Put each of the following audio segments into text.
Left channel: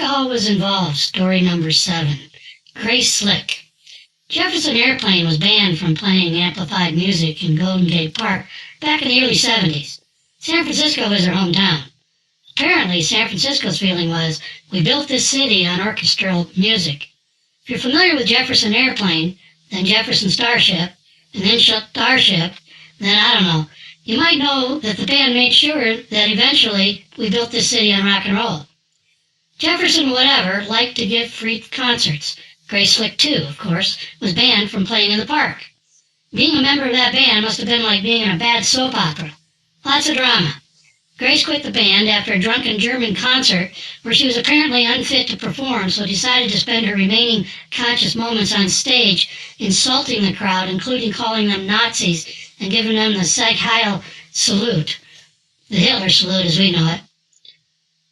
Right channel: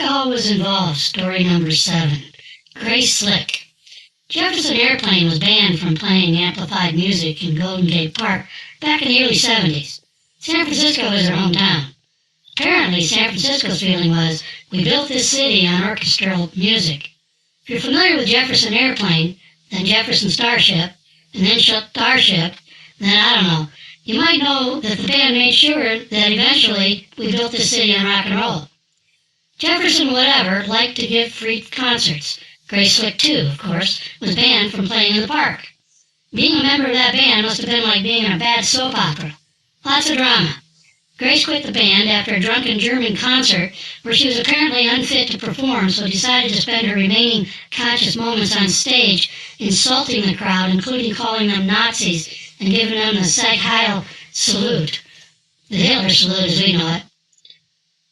Alcohol was involved, story number 7. Grace Slick. Jefferson Airplane was banned from playing amplified music in Golden Gate Park back in the early 70s. San Francisco was their hometown. Apparently, San Francisco's feeling was, we built this city on orchestral music. If you're familiar with Jefferson Airplane, then Jefferson Starship, and then Starship, then I don't know. You might know that the band made sure that eventually we built this city on rock and roll. Jefferson whatever liked to give free concerts. Grace Slick, too, of course, was banned from playing in the park. Being a member of that band must have been like being in a bad soap opera. Lots of drama. Grace quit the band after a drunken German concert where she was apparently unfit to perform, so decided to spend her remaining conscious moments on stage insulting the crowd, including calling them Nazis and giving them the Sieg Heil salute, the Hitler salute as we know it.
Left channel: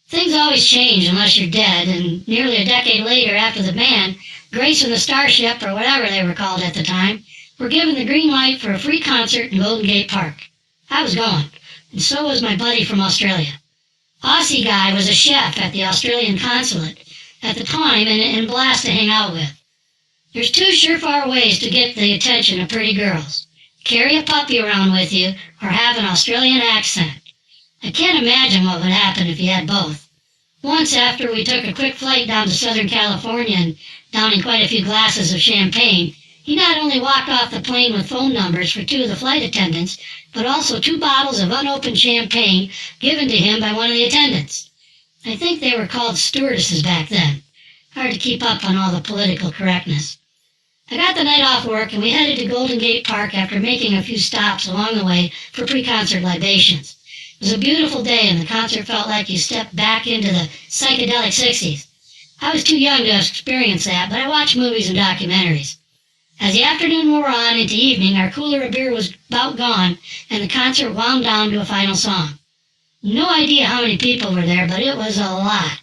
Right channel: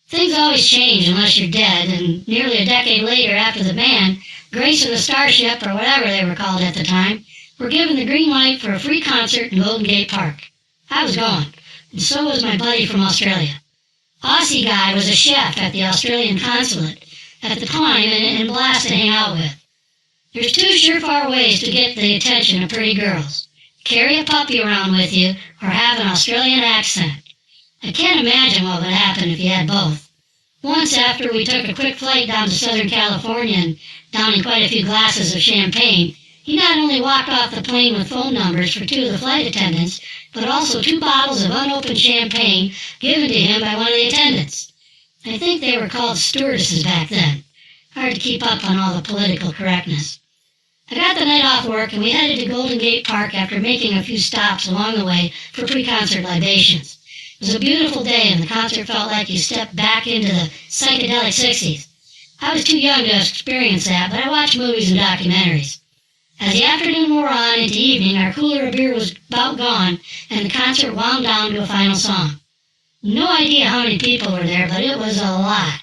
Things always change unless you're dead, and nearly a decade later after the band, Grace and the Starship, or whatever they were called at the time, were given the green light for a free concert in Golden Gate Park. I was going, and so was my buddy from Australia. Aussie guy was a chef at the Australian consulate at the time and a blast to hang out with. There's 2 surefire ways to get the attention of pretty girls. Carry a puppy around with you or have an Australian accent. I can't imagine what would happen if you had both. Once after we took a quick flight down to Southern California and downing quite a few glasses of champagne, he not only walked off the plane with phone numbers for 2 of the flight attendants, but also 2 bottles of unopened champagne given to him by one of the attendants. I think they were called stewardesses back then. Hard to keep up on all the political correctness. I got the night off work and we headed to Golden Gate Park after making a few stops along the way for pre-concert libations. It was a beautiful day and the concert felt like you stepped back into the psychedelic 60s. I was too young to experience that, but I watched movies and documentaries. As the afternoon wore on into evening, our cooler of beer was about gone and the concert wound down to a final song. No idea how many people were there, but it was a lot.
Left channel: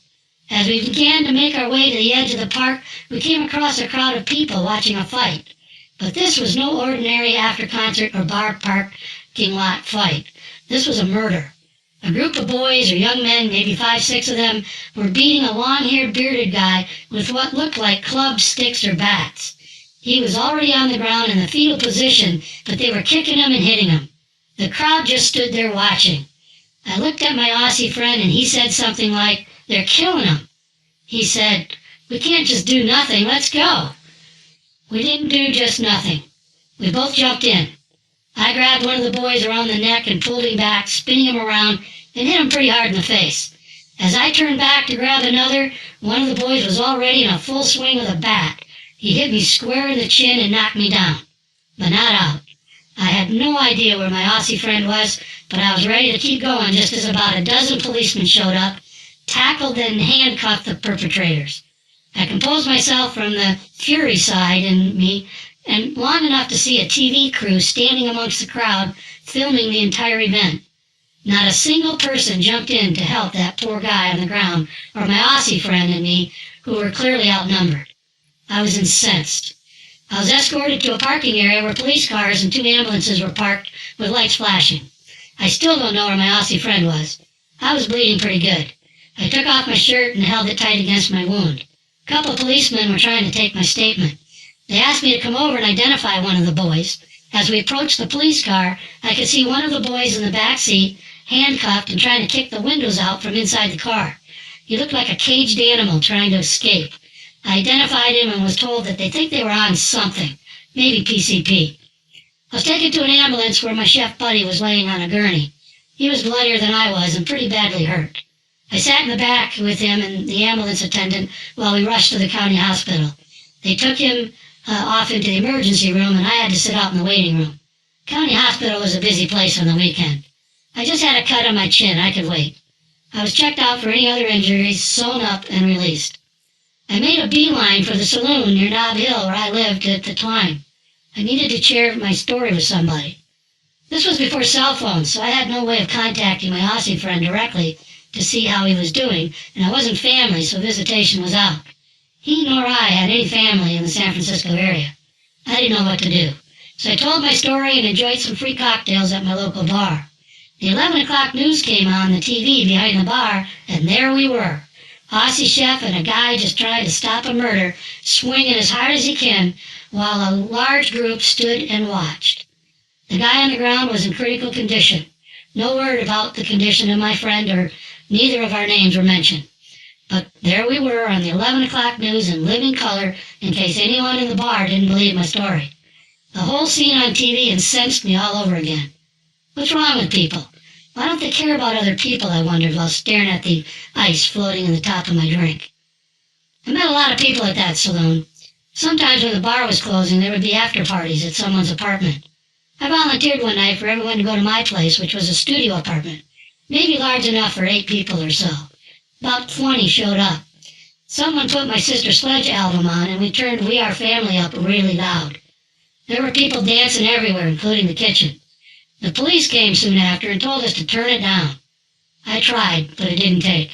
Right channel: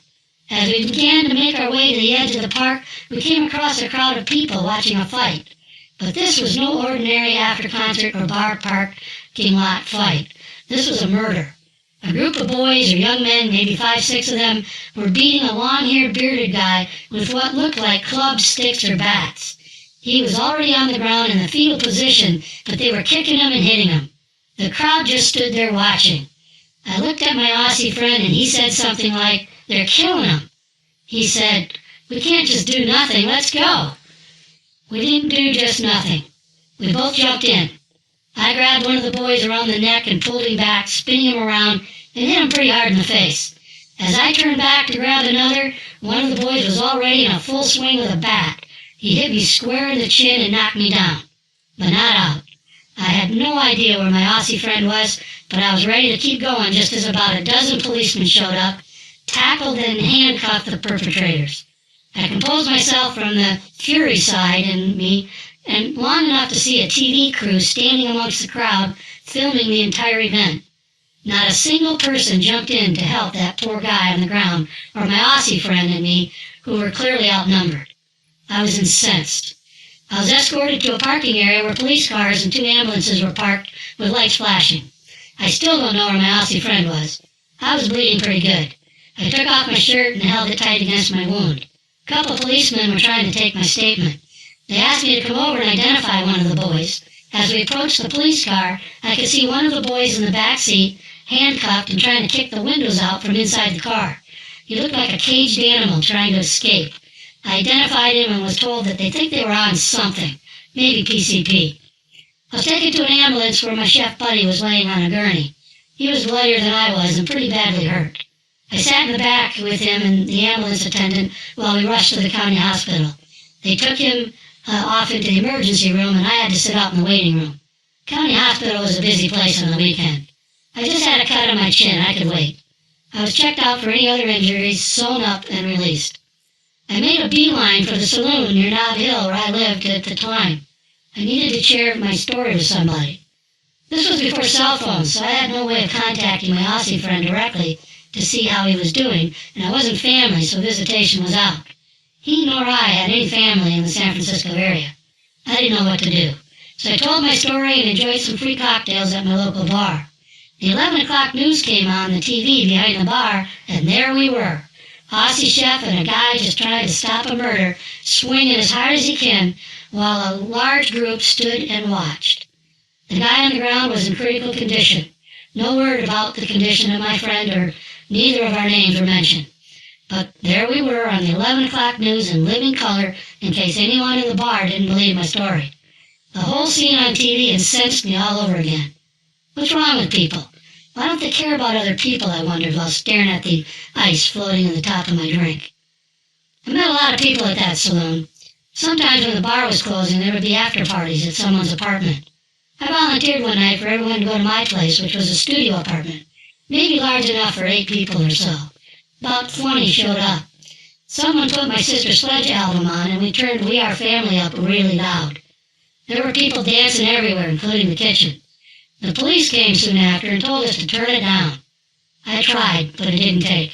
As we began to make our way to the edge of the park, we came across a crowd of people watching a fight. But this was no ordinary after-concert or bar parking lot fight. This was a murder. A group of boys or young men, maybe 5, 6 of them, were beating a long-haired bearded guy with what looked like clubs, sticks, or bats. He was already on the ground in the fetal position, but they were kicking him and hitting him. The crowd just stood there watching. I looked at my Aussie friend and he said something like, "They're killing him." He said, "We can't just do nothing, let's go." We didn't do just nothing. We both jumped in. I grabbed one of the boys around the neck and pulled him back, spinning him around, and hit him pretty hard in the face. As I turned back to grab another, one of the boys was already in a full swing with a bat. He hit me square in the chin and knocked me down, but not out. I had no idea where my Aussie friend was, but I was ready to keep going just as about a dozen policemen showed up, tackled and handcuffed the perpetrators. I composed myself from the fury side in me, and long enough to see a TV crew standing amongst the crowd filming the entire event. Not a single person jumped in to help that poor guy on the ground, or my Aussie friend and me, who were clearly outnumbered. I was incensed. I was escorted to a parking area where police cars and 2 ambulances were parked with lights flashing. I still don't know where my Aussie friend was. I was bleeding pretty good. I took off my shirt and held it tight against my wound. A couple of policemen were trying to take my statement. They asked me to come over and identify one of the boys. As we approached the police car, I could see one of the boys in the back seat, handcuffed and trying to kick the windows out from inside the car. He looked like a caged animal trying to escape. I identified him and was told that they think they were on something, maybe PCP. I was taken to an ambulance where my chef buddy was laying on a gurney. He was bloodier than I was and pretty badly hurt. I sat in the back with him and the ambulance attendant while we rushed to the county hospital. They took him off into the emergency room and I had to sit out in the waiting room. County hospital was a busy place on the weekend. I just had a cut on my chin. I could wait. I was checked out for any other injuries, sewn up, and released. I made a beeline for the saloon near Nob Hill where I lived at the time. I needed to share my story with somebody. This was before cell phones, so I had no way of contacting my Aussie friend directly to see how he was doing, and I wasn't family, so visitation was out. He nor I had any family in the San Francisco area. I didn't know what to do, so I told my story and enjoyed some free cocktails at my local bar. The 11 o'clock news came on the TV behind the bar, and there we were. Aussie chef and a guy just trying to stop a murder, swinging as hard as he can, while a large group stood and watched. The guy on the ground was in critical condition. No word about the condition of my friend, or neither of our names were mentioned. But there we were on the 11 o'clock news in living color, in case anyone in the bar didn't believe my story. The whole scene on TV incensed me all over again. What's wrong with people? Why don't they care about other people, I wondered, while staring at the ice floating in the top of my drink. I met a lot of people at that saloon. Sometimes when the bar was closing, there would be after parties at someone's apartment. I volunteered one night for everyone to go to my place, which was a studio apartment, maybe large enough for 8 people or so. About 20 showed up. Someone put my Sister Sledge album on, and we turned We Are Family up really loud. There were people dancing everywhere, including the kitchen. The police came soon after and told us to turn it down. I tried, but it didn't take.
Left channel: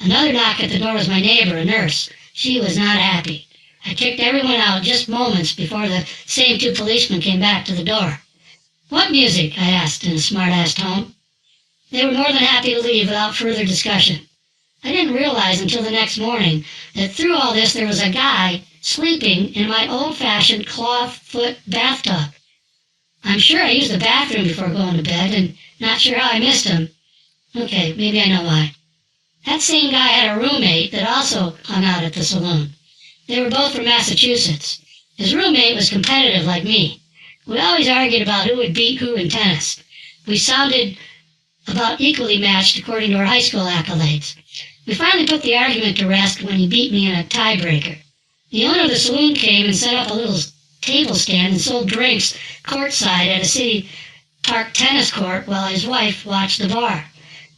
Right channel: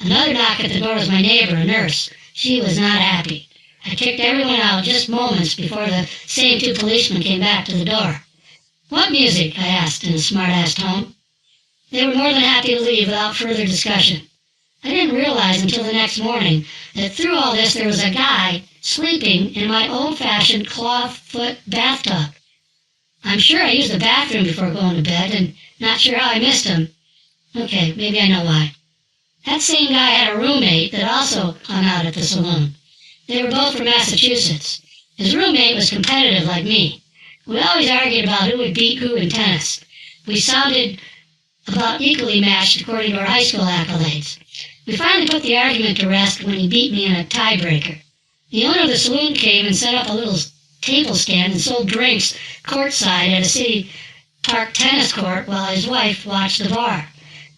Another knock at the door was my neighbor, a nurse. She was not happy. I kicked everyone out just moments before the same 2 policemen came back to the door. What music? I asked in a smart-ass tone. They were more than happy to leave without further discussion. I didn't realize until the next morning that through all this there was a guy sleeping in my old-fashioned clawfoot bathtub. I'm sure I used the bathroom before going to bed, and not sure how I missed him. Okay, maybe I know why. That same guy had a roommate that also hung out at the saloon. They were both from Massachusetts. His roommate was competitive like me. We always argued about who would beat who in tennis. We sounded about equally matched according to our high school accolades. We finally put the argument to rest when he beat me in a tiebreaker. The owner of the saloon came and set up a little table stand and sold drinks courtside at a city park tennis court while his wife watched the bar.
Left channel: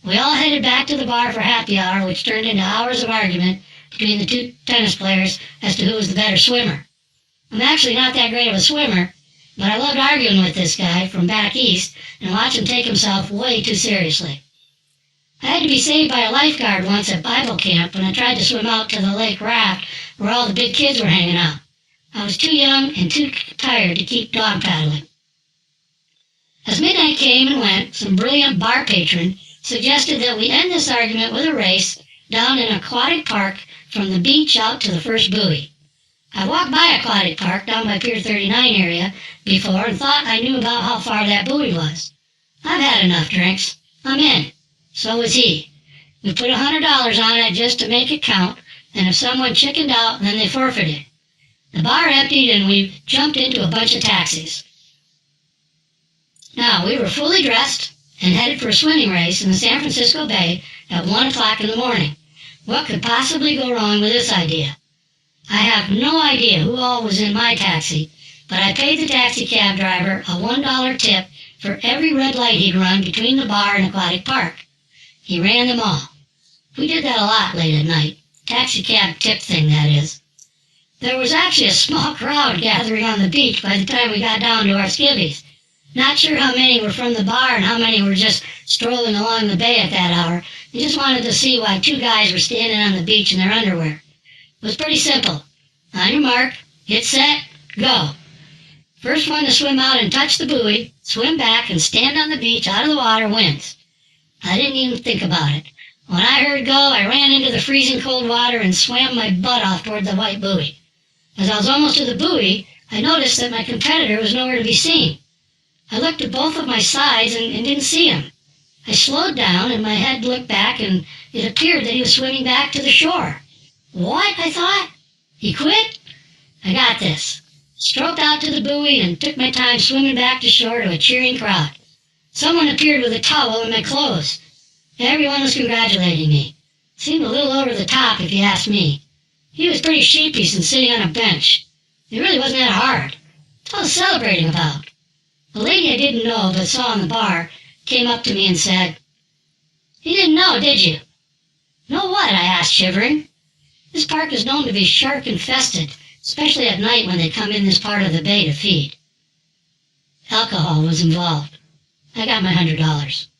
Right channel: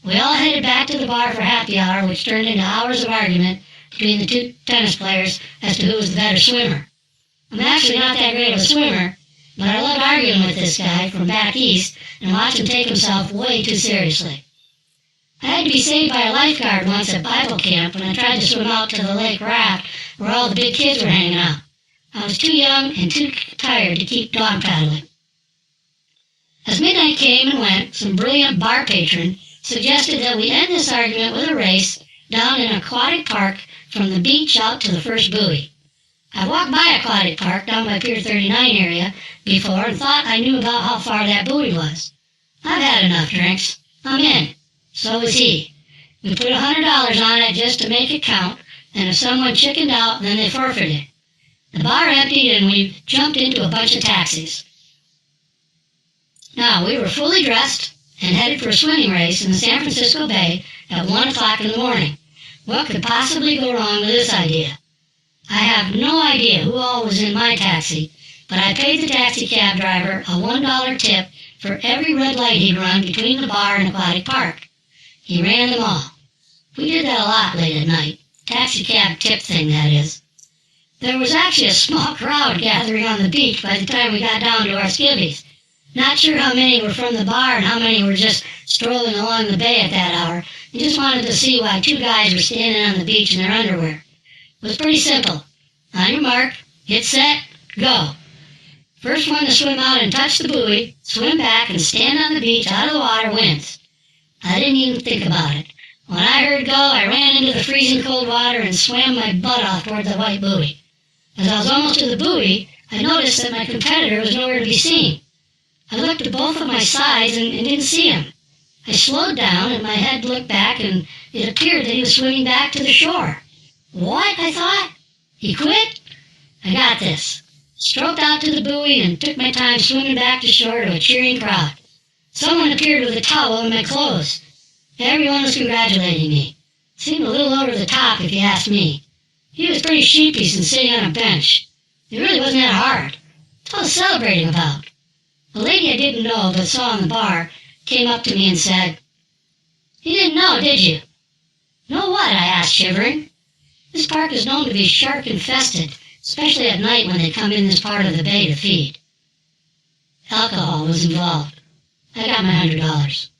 We all headed back to the bar for happy hour, which turned into hours of argument between the 2 tennis players as to who was the better swimmer. I'm actually not that great of a swimmer, but I loved arguing with this guy from back east and watch him take himself way too seriously. I had to be saved by a lifeguard once at Bible camp when I tried to swim out to the lake raft where all the big kids were hanging out. I was too young and too tired to keep dog paddling. As midnight came and went, some brilliant bar patron suggested that we end this argument with a race down an aquatic park from the beach out to the first buoy. I walked by Aquatic Park down by Pier 39 area before and thought I knew about how far that buoy was. I've had enough drinks. I'm in. So was he. We put $100 on it just to make it count, and if someone chickened out, then they forfeited. The bar emptied and we jumped into a bunch of taxis. Now, we were fully dressed and headed for a swimming race in the San Francisco Bay at 1 o'clock in the morning. What could possibly go wrong with this idea? I have no idea who all was in my taxi, but I paid the taxi cab driver a $1 tip for every red light he'd run between the bar and Aquatic Park. He ran them all. We did that a lot late at night. Taxi cab tip thing, that is. There was actually a small crowd gathering on the beach by the time we got down to our skivvies. Not sure how many were from the bar and how many were just strolling along the bay at that hour and just wanted to see why 2 guys were standing on the beach in their underwear. It was pretty simple. On your mark, get set, go. First one to swim out and touch the buoy, swim back, and stand on the beach out of the water wins. I didn't even think about it. When I heard go, I ran into the freezing cold water and swam my butt off toward the white buoy. As I was almost to the buoy, I noticed that my competitor was nowhere to be seen. I looked at both of my sides and didn't see him. I slowed down and my head looked back and it appeared that he was swimming back to the shore. What? I thought. He quit? I got this. Stroked out to the buoy and took my time swimming back to shore to a cheering crowd. Someone appeared with a towel in my clothes. Everyone was congratulating me. Seemed a little over the top if you ask me. He was pretty sheepish and sitting on a bench. It really wasn't that hard. What I was celebrating about. A lady I didn't know but saw in the bar came up to me and said, "You didn't know, did you?" "Know what?" I asked, shivering. This park is known to be shark-infested, especially at night when they come in this part of the bay to feed. Alcohol was involved. I got my $100.